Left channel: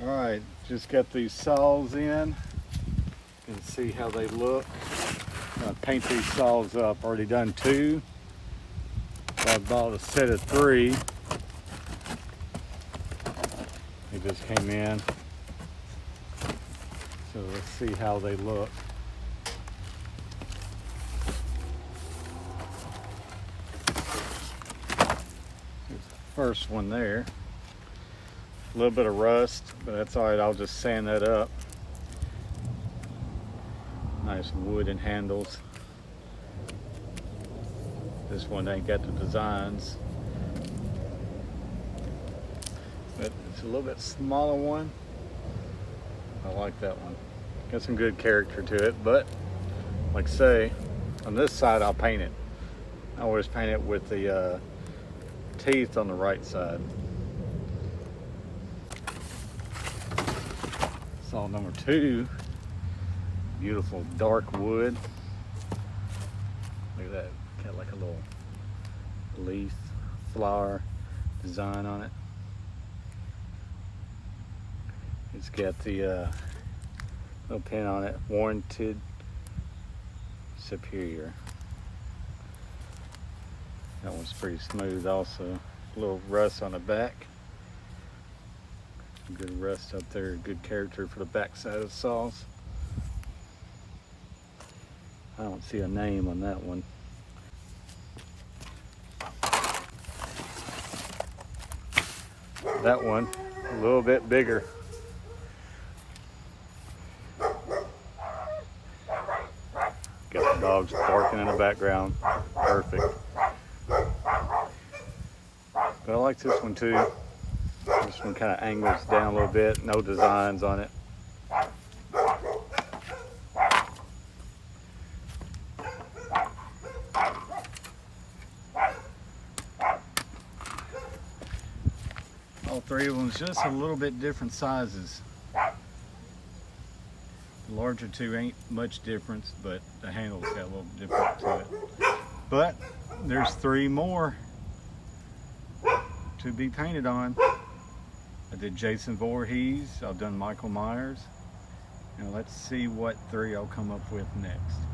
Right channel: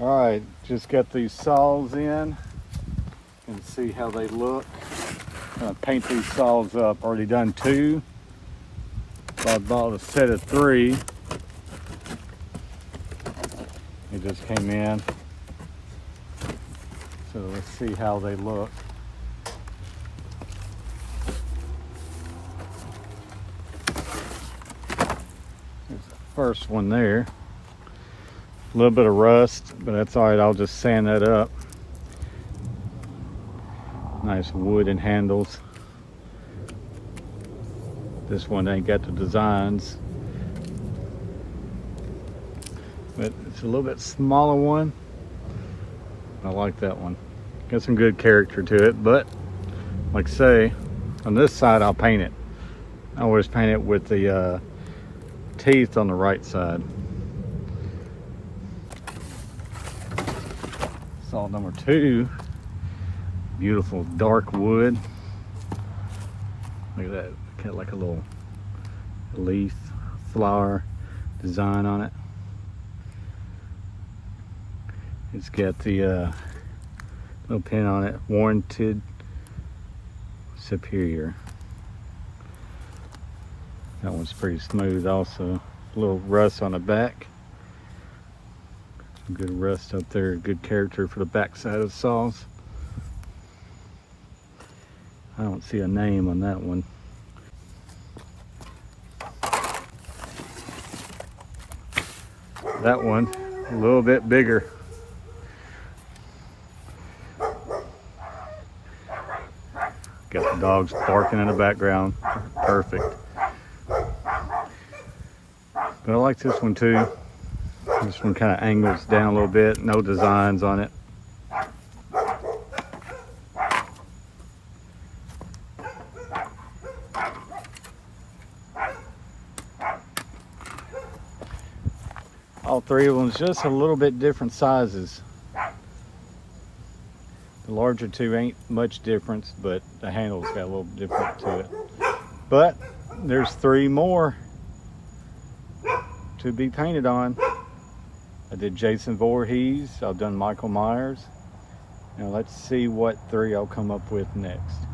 Alright, just got these saws in and see how they look. I'm gonna paint these saws up. Already done 2. So I bought a set of 3. They just came in. So let's see how they look. There's the first one there. A little bit of rust, but that's all right. I'll just sand that up. Nice wooden handles. This one ain't got the designs, but it's a little bit smaller one. I like that one. Got some good character to it, but like I say, on this side I'll paint it. I always paint it with the teeth on the right side. Saw number 2. Beautiful dark wood. Look at that. Got like a little leaf flower design on it. It's got the little pin on it, warranted Superior. That one's pretty smooth also. A little rust on the back. Good rust up there, good character for the back side of the saws. I don't see a name on that one. That one, a little bit bigger. Got the dogs barking in the background. Perfect. But I like this one too. This one kind of angles down a little bit. No designs on it. All 3 of them just a little bit different sizes. The larger 2 ain't much difference, but the handle's got a little different to it. But there's 3 more to be painted on. I did Jason Voorhees, I've done Michael Myers. Now let's see what 3 I'll come up with next.